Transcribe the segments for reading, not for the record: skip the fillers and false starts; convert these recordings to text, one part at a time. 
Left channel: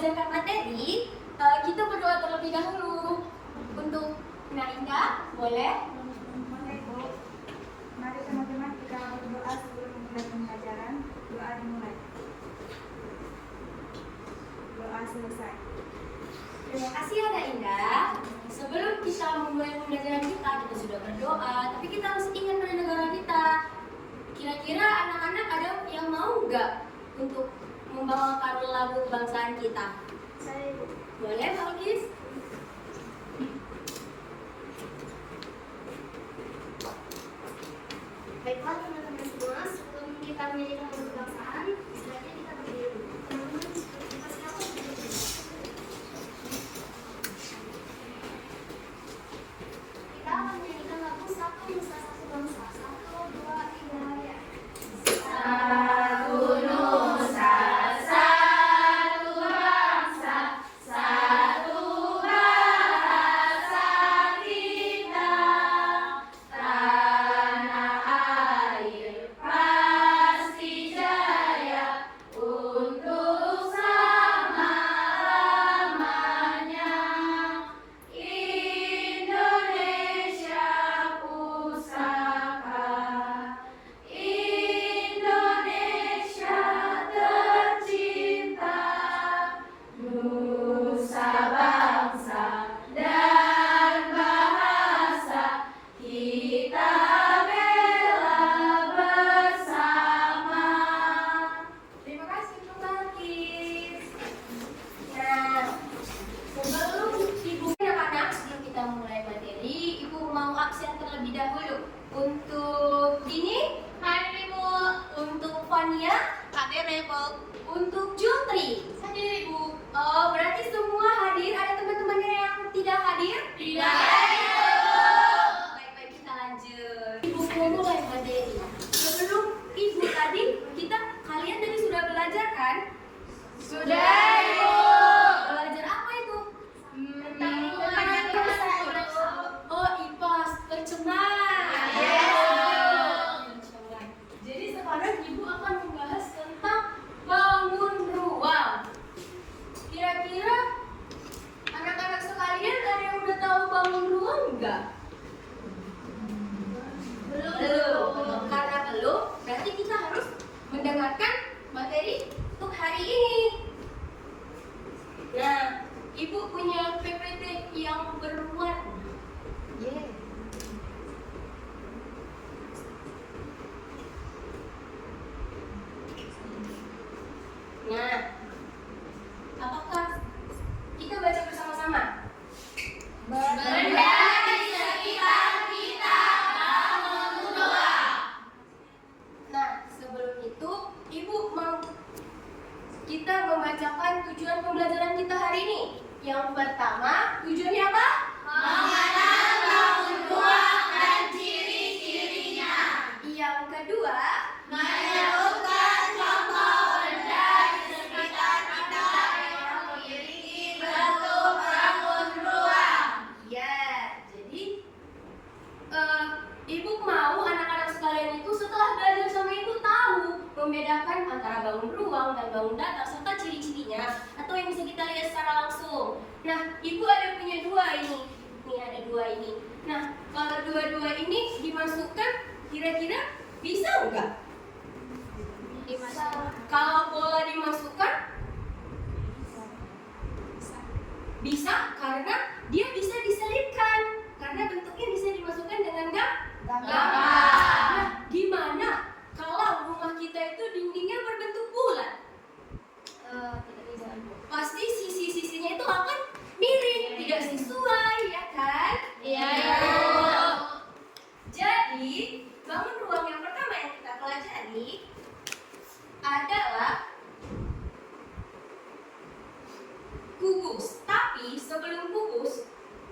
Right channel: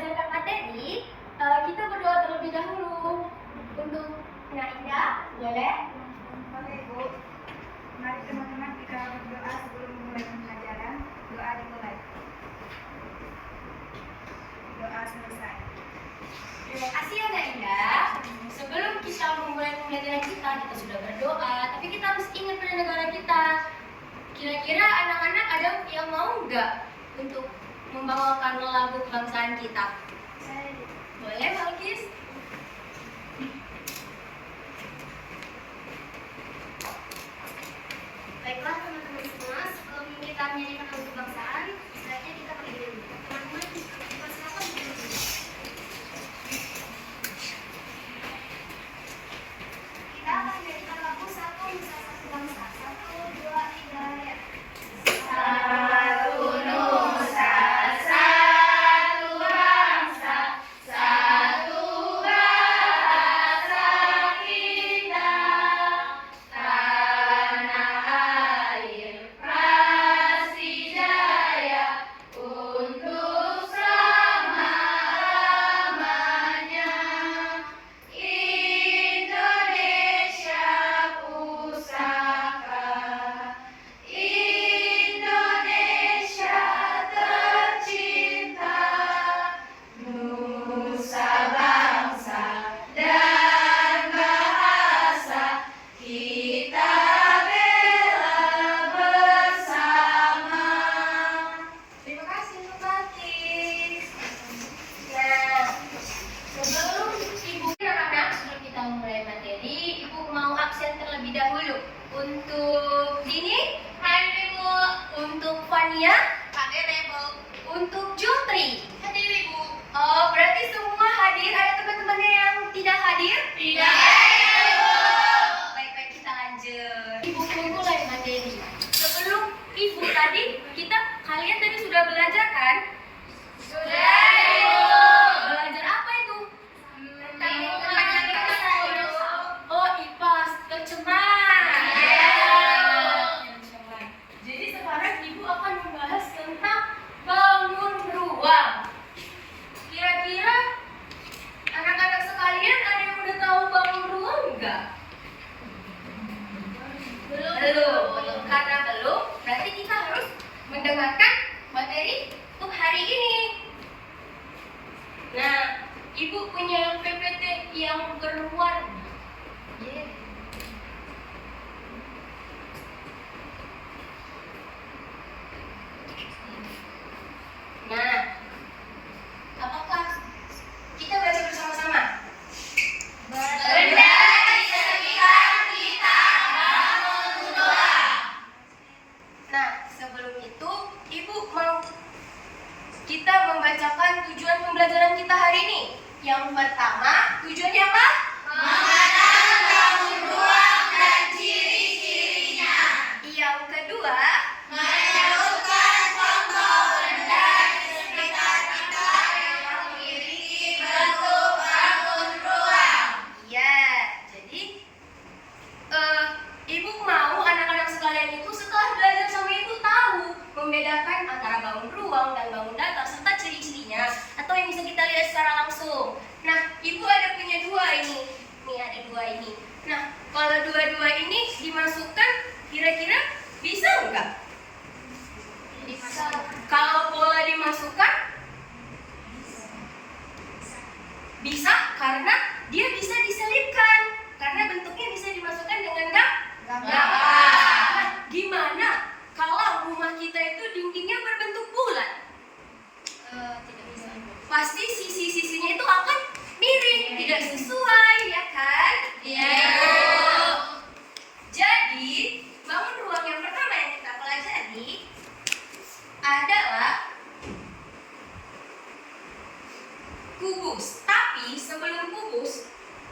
mengajarkan materi, kita berdoa terlebih dahulu. Untuk Kak Indah, boleh? Boleh, Bu. Mari teman-teman kita berdoa sebelum memulai pembelajaran. Doa dimulai. Doa selesai. Terima kasih ya Kak Indah. Sebelum kita memulai pembelajaran kita sudah berdoa, tapi kita harus ingat pada negara kita. Kira-kira anak-anak ada yang mau nggak untuk membawakan lagu kebangsaan kita? Saya Boleh, Balkis? Baiklah teman-teman semua, sebelum kita menyanyikan lagu kebangsaan, selanjutnya kita berdiri dulu. Teman-teman, dipersilakan berdiri dulu. Kita akan menyanyikan lagu Satu Nusa Satu Bangsa. 1, 2, 3, ya. Satu Nusa, satu bangsa, satu bahasa kita, tanah air pasti jaya untuk selama-lamanya. Indonesia pusaka, Indonesia tercinta, nusa bangsa dan bahasa kita bela bersama. Terima kasih untuk Balkis. Nah, sebelum Ibu anak-anak, sebelum kita mulai materi, Ibu mau absen terlebih dahulu. Untuk Dini, hadir Ibu. Untuk Fania, hadir Ibu. Untuk Jutri, hadir Ibu. Oh, berarti semua hadir. Ada teman-temannya yang tidak hadir? Tidak. Baik-baik, kita lanjut. Ibu mulai materi. Sebelum Ibu tadi, kalian tadi sudah belajar kan? Sudah, Ibu. Belajar apa itu? Oh, IPAS, tercemar. Jadi sekarang Ibu akan membahas tentang bangun ruang. Kira-kira anak-anak sekalian ada yang udah tahu bangun ruang enggak? Belum. Karena belum, berarti kita harus mendengarkan materi untuk hari ini. Nah, Ibu punya PPT yang berwarna. Nah, apakah kita baca bersama-sama? Benda di sekitar kita bangun ruang. Nah, sebelum itu, Ibu mau kita membacakan tujuan pembelajaran kita hari ini. Yang pertama, tujuannya apa? Mengenal bangun ruang dan ciri-cirinya. Yang kedua, Menyebutkan contoh benda di sekitar kita yang memiliki bentuk bangun ruang. ya, jadi Ibu mau anak-anak sekalian itu setelah belajar sama Ibu tahu membedakan antara bangun ruang dan bangun datar serta ciri-cirinya atau yang bisa kita lihat secara langsung. Nah, Ibu ada punya dua ini. Nih ada dua ini. Nah, kalau dua-dua ini dimasukkan kira-kira bisa enggak? Kalau bola dimasukkan bisa karena dia bisa diselipkan. Karena bentuknya bisa dimasukkan dengan gambar. Nah, gimana kalau rumah kita itu dindingnya berbentuk bulat? Tidak bisa. Pasti sisi-sisinya itu akan miring, tidak sesuai, ya kan? Iya. Jadi, bangun ruang yang pertama yang kita pelajari adalah kubus. Tapi sebelum kubus,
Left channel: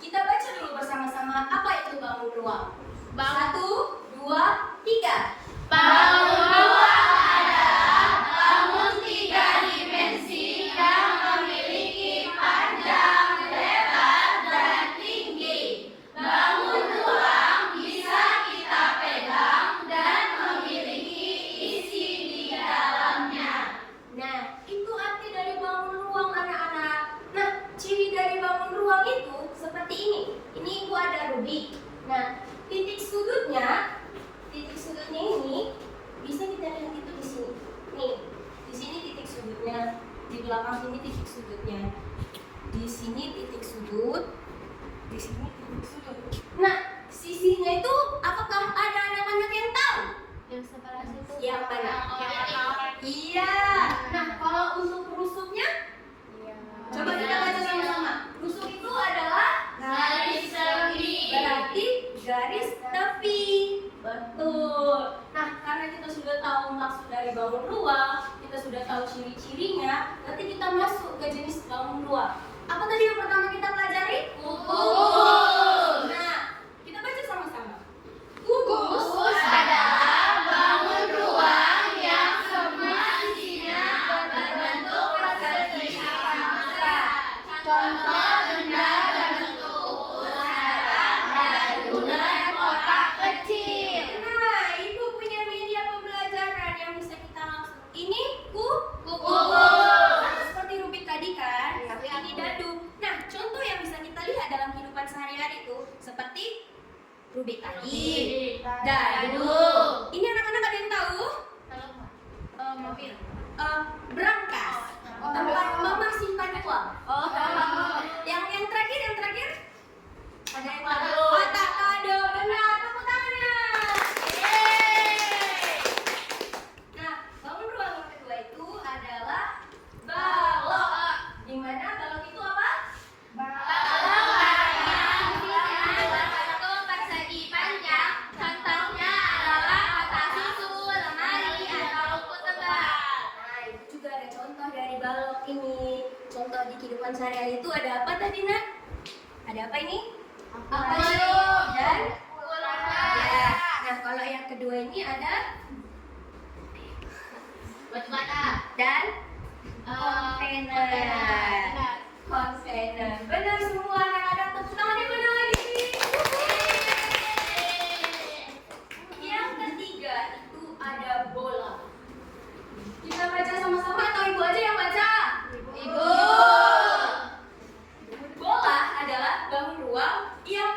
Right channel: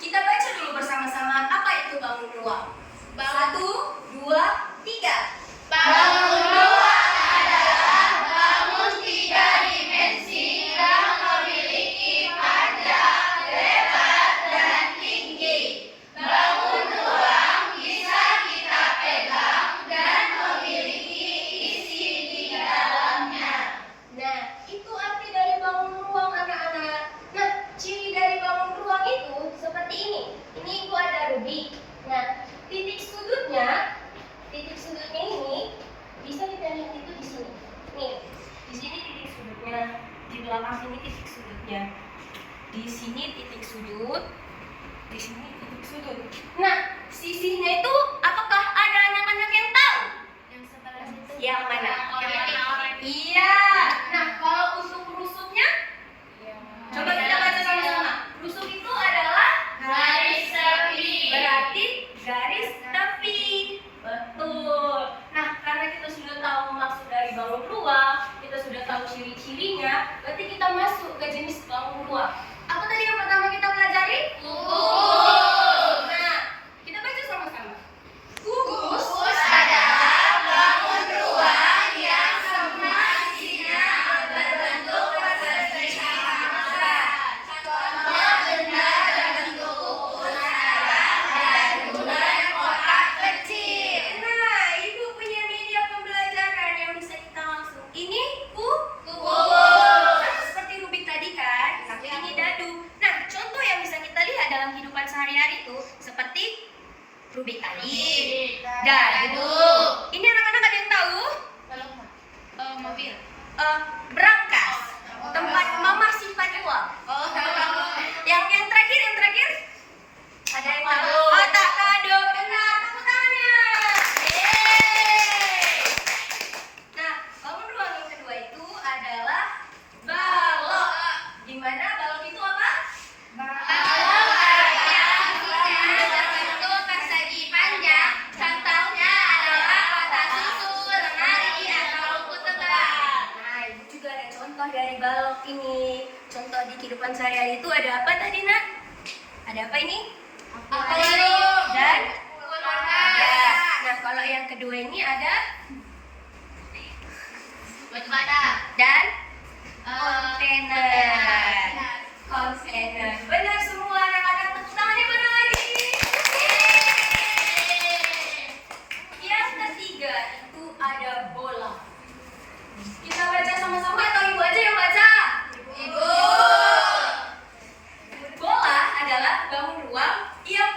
kita baca dulu bersama-sama apa itu bangun ruang. 1, 2, mana? Iya. Nah, kalau untuk rusuknya, coba kita baca sama-sama. Rusuk itu adalah garis tepi. Berarti garis tepi. Betul. Nah, karena kita sudah tahu maksud dari bangun ruang, kita sudah tahu ciri-cirinya, berarti kita masuk ke jenis bangun ruang. Apa tadi yang pertama kita pelajari? Kubus. Nah, kita baca sama-sama. Kubus adalah bangun ruang yang semua isinya berbentuk persegi sama. Contoh benda berbentuk kubus adalah bangunan kotak kecil. Nah, Ibu punya media pembelajaran yang bisa kita langsung. Ini kubus. Sama seperti rubik tadi kan, tapi ini dadu. Nah, contoh yang bisa kita lihat dalam kehidupan sehari-hari itu seperti rubik tadi, dadu. Ini anak-anak ada yang tahu? Mobil. Berangkas. Tempat mama simpan uang. Yang terakhir? Ada yang tahu? Otak kado. Benar, tepuk tangannya. Yeay. Nah, bangun ruang yang kedua itu adalah balok. Di mana balok itu apa? Berbentuk persegi panjang. Contohnya adalah kotak susu, lemari, atau buku tebal. Nah, itu juga ada contoh dari balok ini. Contoh di kehidupan sehari-hari itu ada apa tadi, Nak? Ada apa ini? Dan ya. Nah, kalau yang kedua ini ada dan kontainer. Benar semua anak-anak, tepuk tangannya benar lagi. Yang ketiga itu ada bola. Kita baca sama-sama atau Ibu aja yang baca? Ibu. Bola adalah bangun ruang yang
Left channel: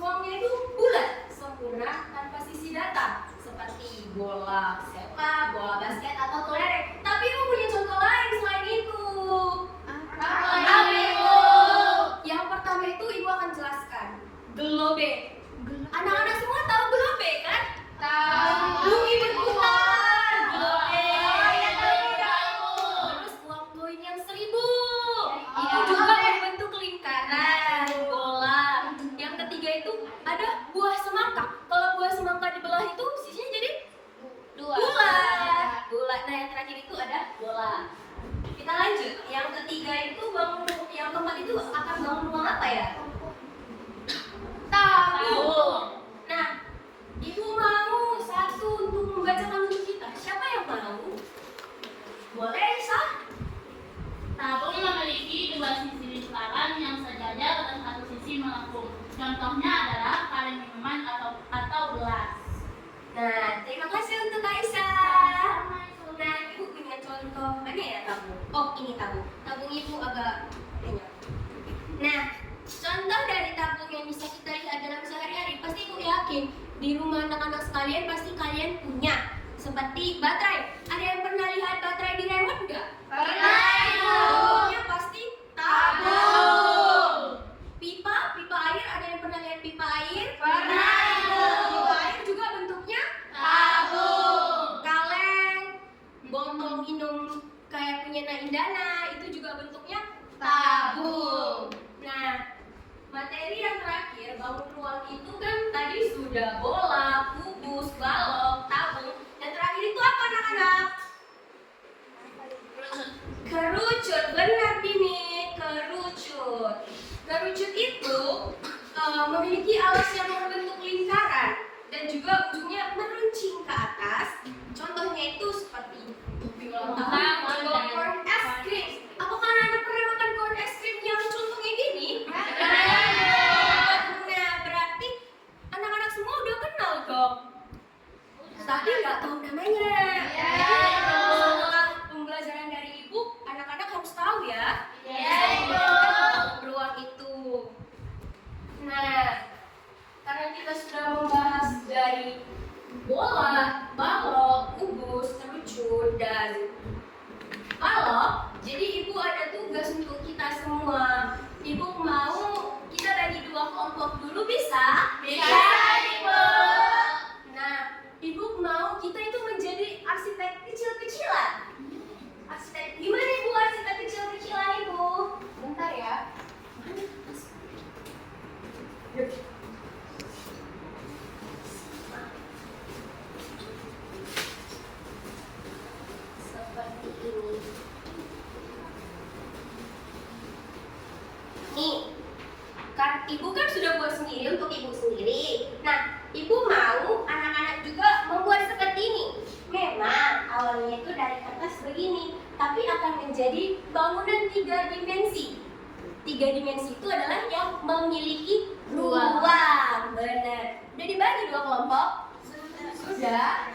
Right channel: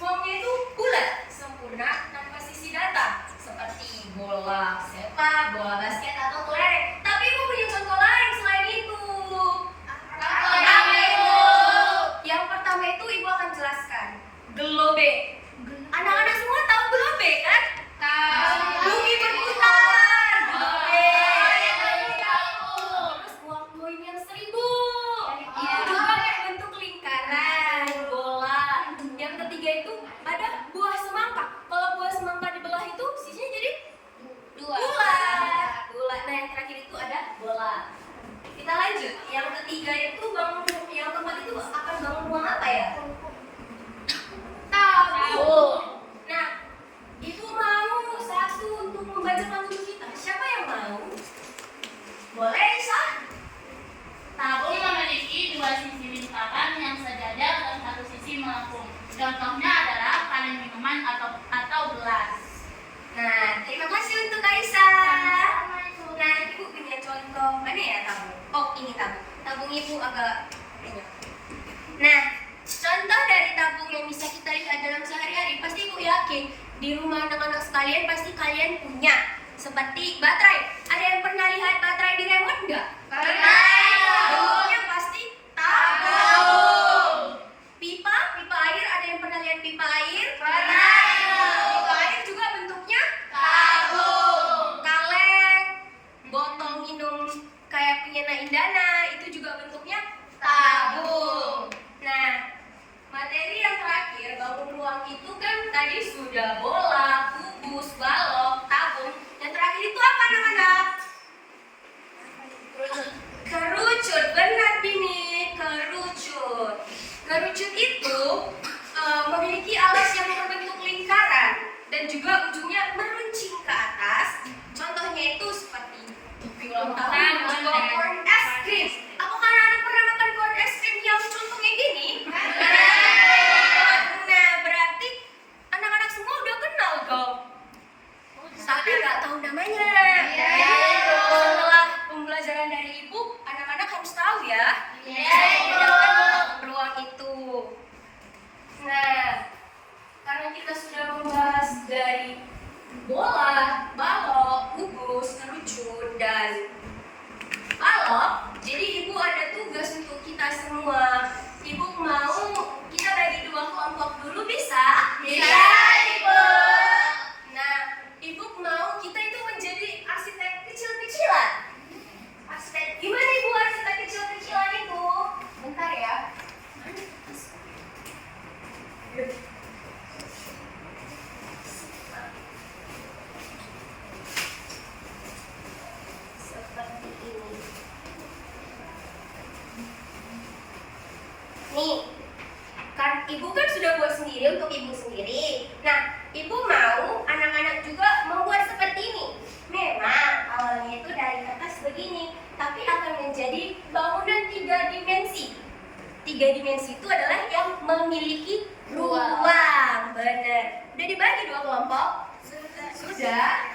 ruangnya itu bulat, sempurna, tanpa sisi datar, seperti bola sepak, bola basket, atau kelereng. Tapi Ibu punya contoh lain selain itu. Apa itu? Yang pertama itu Ibu akan jelaskan. Gelobe. Anak-anak semua tahu gelobe kan? Tahu. Bumi berputar. Gelobe. Terus uang koin yang 1000. Itu juga berbentuk lingkaran, bola. Yang ketiga itu ada buah semangka. Kalau buah semangka dibelah itu sisinya jadi bulat. Nah, yang terakhir itu ada bola. Kita lanjut. Yang ketiga itu yang keempat itu akan bangun ruang apa ya? Tabung. Nah, Ibu mau satu untuk membacakan untuk kita. Siapa yang mau? Boleh, Sah? Tabung memiliki dua sisi lingkaran yang sejajar dan satu sisi melengkung. Contohnya adalah kaleng minuman atau gelas. Nah, terima kasih untuk Aisyah. Nah, Ibu punya contoh mana ya tabung? Oh, ini tabung. Tabung Ibu agak banyak. Nah, contoh dari tabung yang bisa kita lihat dalam sehari-hari, pasti Ibu yakin di rumah anak-anak sekalian pasti kalian punya. Seperti baterai. Ada yang pernah lihat baterai di remote enggak? Bentuknya pasti tabung. Pipa air, ada yang pernah lihat pipa air? Pipa air juga bentuknya tabung. Kaleng, botol minum kayak punya Indana, itu juga bentuknya tabung. Nah, materi yang terakhir, bangun ruang itu kan tadi sudah bola, kubus, balok, tabung. Yang terakhir itu apa anak-anak? Kerucut. Benar Bini, kerucut. Kerucut itu memiliki alas yang berbentuk lingkaran dan juga ujungnya meruncing ke atas. Contohnya itu seperti corn es krim. Apakah anak-anak pernah makan corn es krim yang contohnya gini? Nah, berarti anak-anak semua udah kenal dong. Tapi nggak tahu namanya. Setelah pembelajaran dari Ibu, anak-anak harus tahu ya. Membedakan ruang itu. Nah, karena kita sudah membahas dari bola, balok, kubus, kerucut, dan balok, jadi Ibu ada tugas untuk kita semua. Ibu mau kita bagi dua kelompok dulu, bisa? Bisa, Ibu. Nah, Ibu mau kita itu menjadi arsitek tiga dimensi itu adalah yang memiliki ruang. Benar. Udah dibagi dua kelompok? Sudah.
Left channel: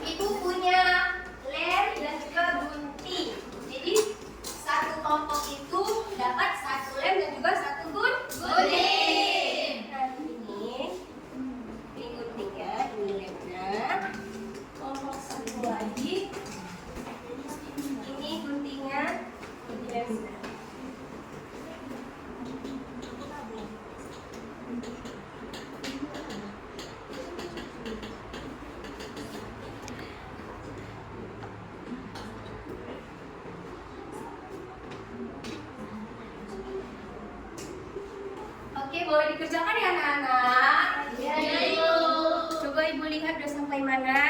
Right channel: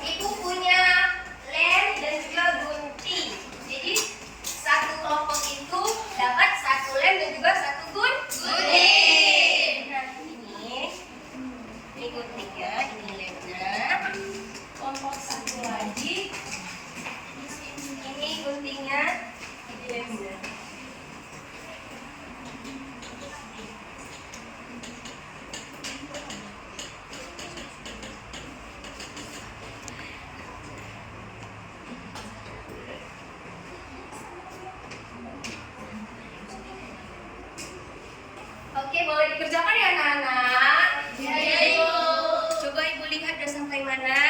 Ibu punya lem dan juga gunting. Jadi satu kelompok itu dapat satu lem dan juga satu gunting. Nah, ini guntingnya, ini lemnya. Kelompok satu lagi. Ini guntingnya, ini lemnya. Oke, boleh dikerjakan ya anak-anak? Iya, Ibu. Coba Ibu lihat udah sampai mana?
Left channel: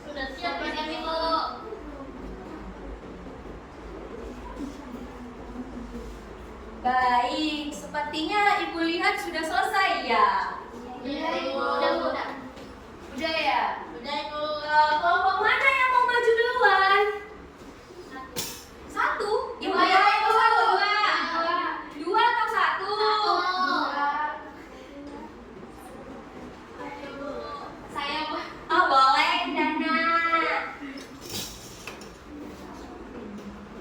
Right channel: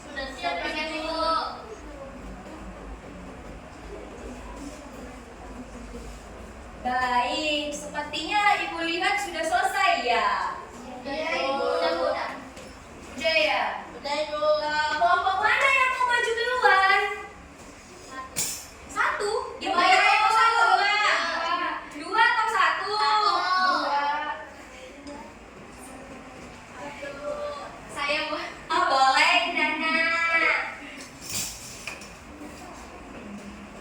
Sudah siap kan Ibu? Baik, sepertinya Ibu lihat sudah selesai ya? Iya, Ibu. Udah. Udah ya? Udah, Ibu. Kelompok mana yang mau maju duluan? Satu? Ibu Dua. yang mau satu? Dua atau satu? Saya mau. Oh, boleh, Nana.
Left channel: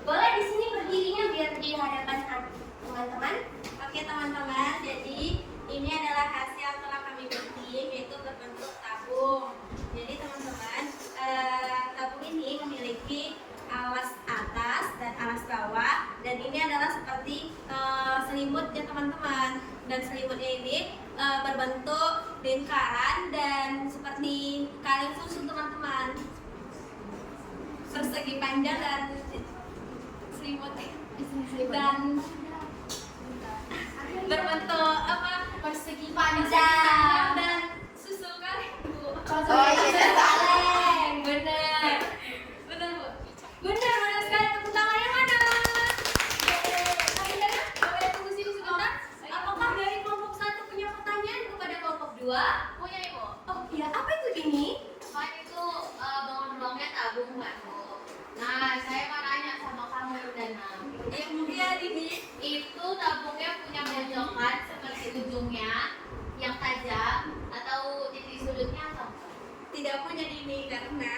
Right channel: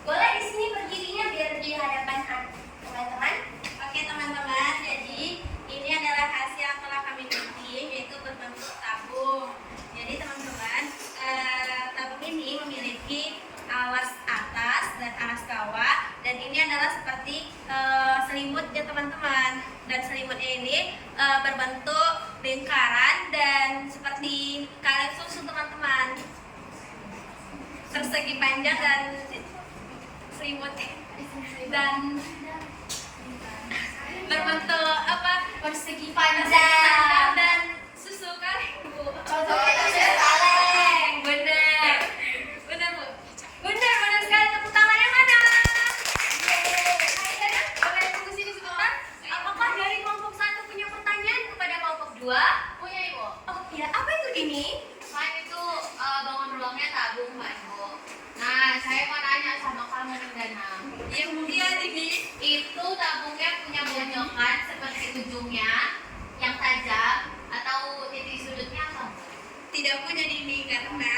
Boleh di sini berdirinya biar di hadapan teman-teman. Oke teman-teman, jadi ini adalah hasil yang telah kami gunting, yaitu berbentuk tabung. Jadi teman-teman, tabung ini memiliki alas atas dan alas bawah, dan ini adalah seperti selimut ya teman-teman. Dan selimutnya ini berbentuk lingkaran dan seperti kaleng susu teman-teman, persegi panjang dan selimut dan berbentuk apa, Persegi panjang. dan susu kaleng Bu. Sudah kaleng, benar. Benar Bu. Benar sekali. Tepuk tangan yang mana? Hai Dana, boleh tunggu sini sebentar. Apakah dari kelompok satu punya pertanyaan kepada kelompok dua? Punya, Ibu. Oh iya, apa itu Dini? Main itu bangun ruangnya tabung kan, Bu. Nah, saya mau nanya sama kamu nih, Dana. Iya Dini. Itu tabungnya punya bonyokan seperti ujungnya yang tajam atau titik sudutnya atau enggak? Tidak punya Dini karena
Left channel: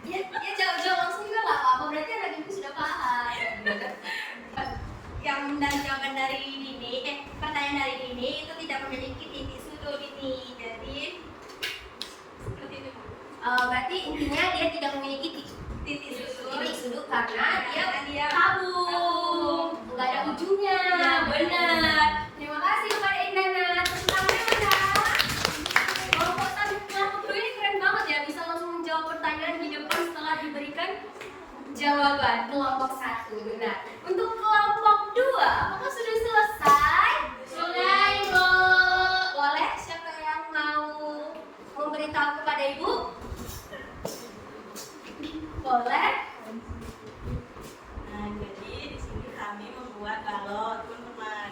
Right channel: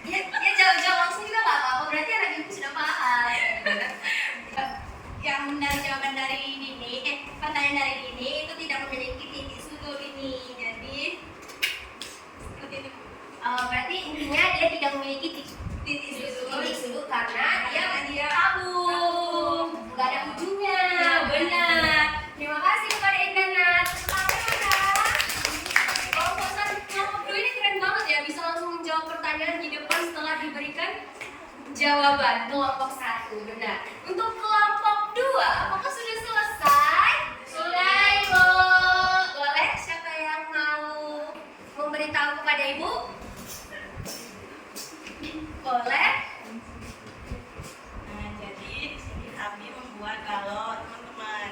Ya jauh-jauh langsung juga nggak apa-apa. Berarti anak ibu sudah paham. yang dari jawaban dari Dini, pertanyaan dari Dini itu tidak memiliki titik sudut ini. Jadi seperti ini Bu. Berarti intinya dia tidak memiliki Titik sudut. titik sudut karena Karena dia tabung, nggak ada ujungnya. Ya, Benar. Terima kasih kepada Indana. Tepuk tangan ya. Kelompok dua ini keren banget ya, bisa langsung menjawab pertanyaan di depan setelah diberikan jawaban. Kelompok satu benar. Untuk kelompok dua, apakah sudah selesai? Sudah, Ibu. Boleh siapa yang mau memberitahu kepada ibu? Boleh. Nah, jadi di sini kami membuat balok, teman-teman.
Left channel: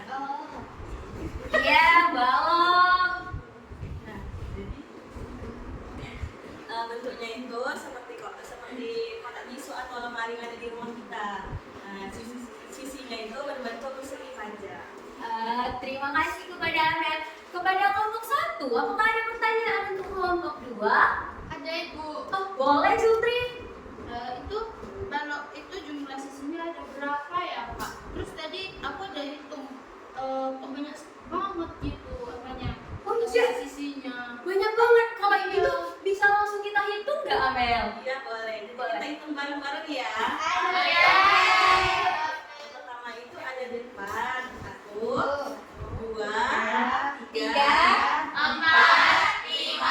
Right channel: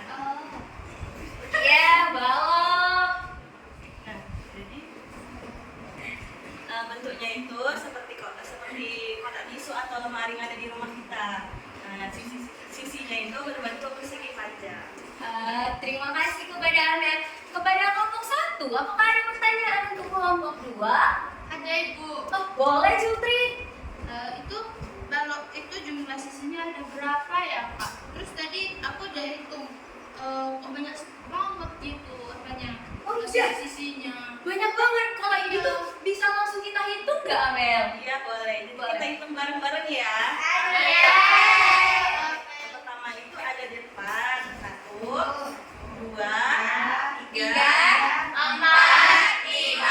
Iya, balok. Nah, jadi bentuknya itu seperti kotak tisu atau lemari yang ada di rumah kita. Nah, sisinya itu berbentuk persegi panjang. Terima kasih kepada Ahmed. Kepada kelompok satu, apakah ada pertanyaan untuk kelompok dua? Ada Ibu. Oh, boleh Jutri. Itu balok itu jumlah sisinya ada berapa ya Pak? Terus tadi aku udah hitung banyak banget gitu apanya. Oh, iya. Sisinya. Banyak banget. Kalau itu tuh bisa langsung kita hitung nggak, Amel? Iya, boleh. Jadi Boleh. kita hitung bareng-bareng ya. Yang pertama itu ada di depan. 1, 2, 3, 4, 5,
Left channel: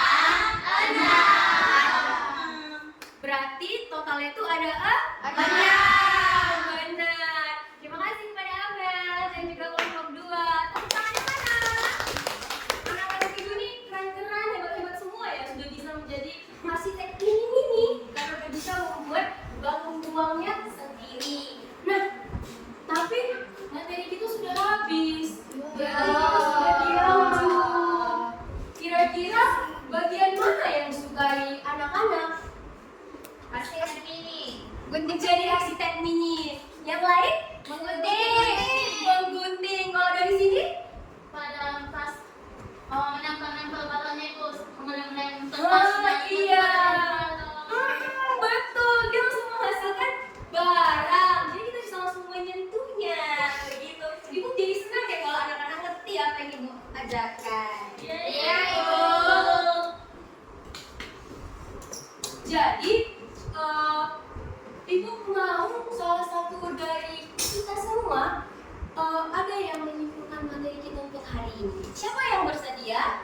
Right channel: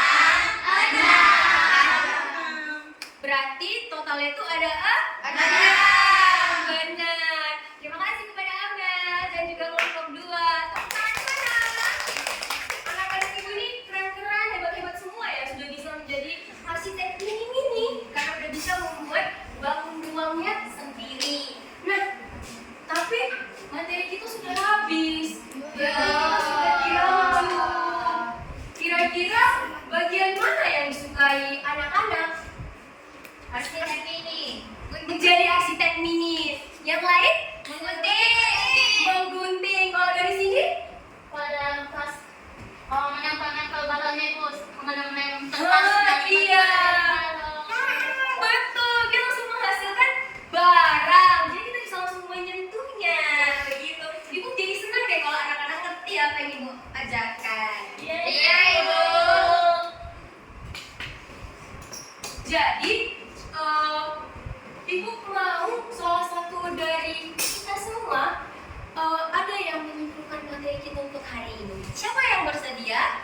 6. kepada benar. Terima kasih kepada Abel dan juga kelompok 2. Tepuk tangan mana? Anak-anak ibu ini keren-keren, hebat-hebat semua ya, sudah bisa menjadi arsitek mini-mini karena udah bisa membuat bangun ruangnya sendiri. Nah, tapi materi kita sudah habis. Berarti kita sudah di ujung. Kira-kira bagian mana yang disukai anak-anak? Arsitek mini. Menjadi arsitek mini. Yang lain? Menggunting. Kalau dari sini? Pada pas menempel-nempel balonnya itu mengenai Iya. Betul. Dia langsung menghasilkan barang. Jadi kita bisa langsung menyentuhnya. Begitu. Ibu jadi senang deh kalau anak-anak ngerti apa yang ibu ajarkan. Iya, Ibu. Jadi, ibu mau salah satu dari kita semua ada yang menyimpulkan materi kita untuk hari ini. Siapa yang bersedia?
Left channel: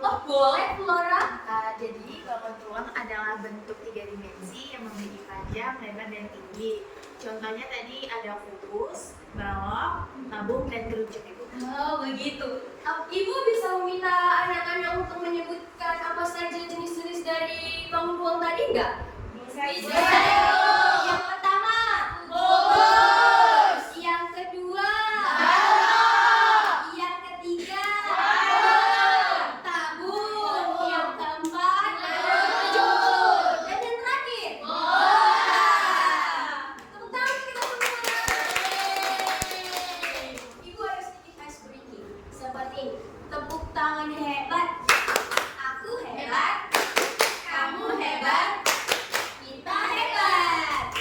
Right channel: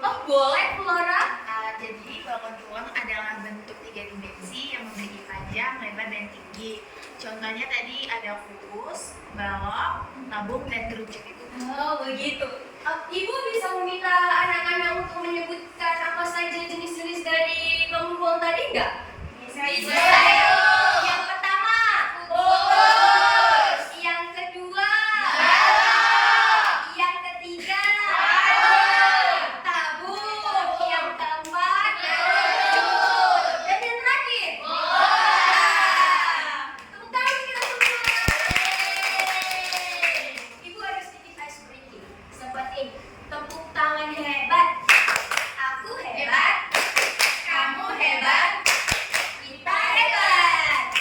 Oh, boleh, Flora. Jadi bangun ruang adalah bentuk 3 dimensi yang memiliki panjang, lebar, dan tinggi. Contohnya tadi ada kubus, balok, tabung, dan kerucut itu. Oh, begitu. Ibu bisa meminta anak-anak untuk menyebutkan apa saja jenis-jenis dari bangun ruang tadi enggak? Bisa. Yang pertama, kubus. Yang kedua, balok. Yang ketiga, tabung. Yang keempat, kerucut. Dan yang terakhir, tepuk tangan kita semua. Ibu ada sedikit ice breaking seperti ini. Tepuk tangan hebat. Aku hebat. Kamu hebat. Kita hebat.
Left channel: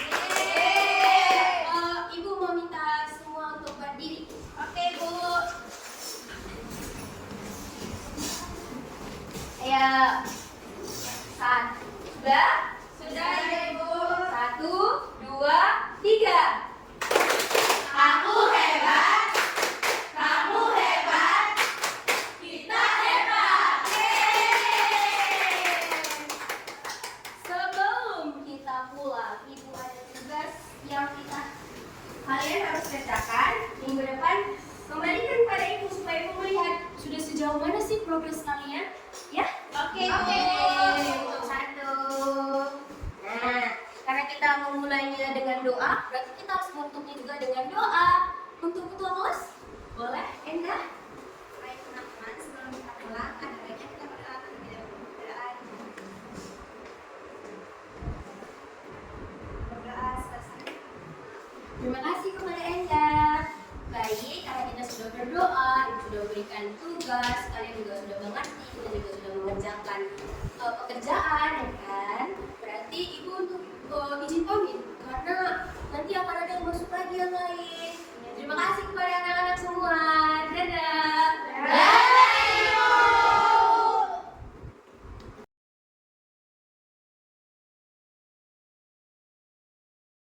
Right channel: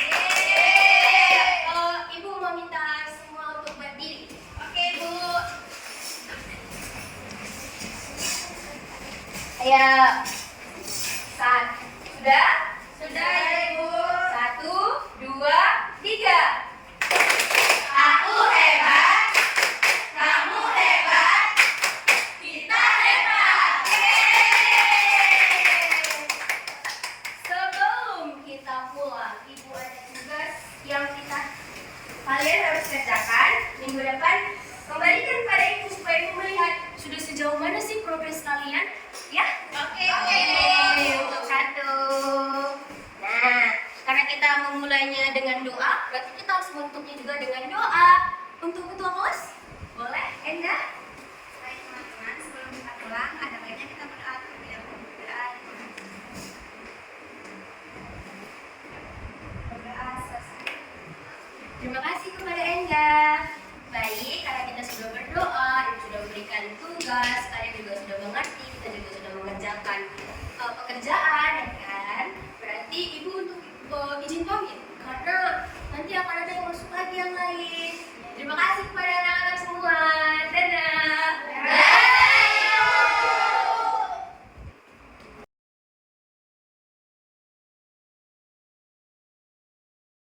Ibu meminta semua untuk berdiri. Oke, Bu. Ayo. Sudah? Sudah ya, Ibu. 1, 2, 3. Aku hebat. Kamu hebat. Kita hebat. Sebelum kita pulang, Ibu ada tugas yang kalian harus kerjakan minggu depan. Kembalikan pada Ibu supaya Ibu melihat sudah sejauh mana sih progres kalian. Ya? Oke. Untuk 1. Nah, karena kita memulainya dengan doa, berarti kita harus bentuknya juga dengan doa. Untuk ketua kelas, boleh? Endah? Baik teman-teman, sebelum kita pulang, ada baiknya kita berdoa terlebih dahulu. Berdoa selesai. Terima kasih kepada Endah. Baik, karena kita sudah berdoa, Ibu sudah memberikan tugas, kalian juga sudah mengerti, kita juga sudah mengerjakan pekerjaan, ya kan? Berarti Ibu untuk izin pamit, karena nanti akan ada yang masuk lagi yang lain. Terima kasih kepada anak-anak semua.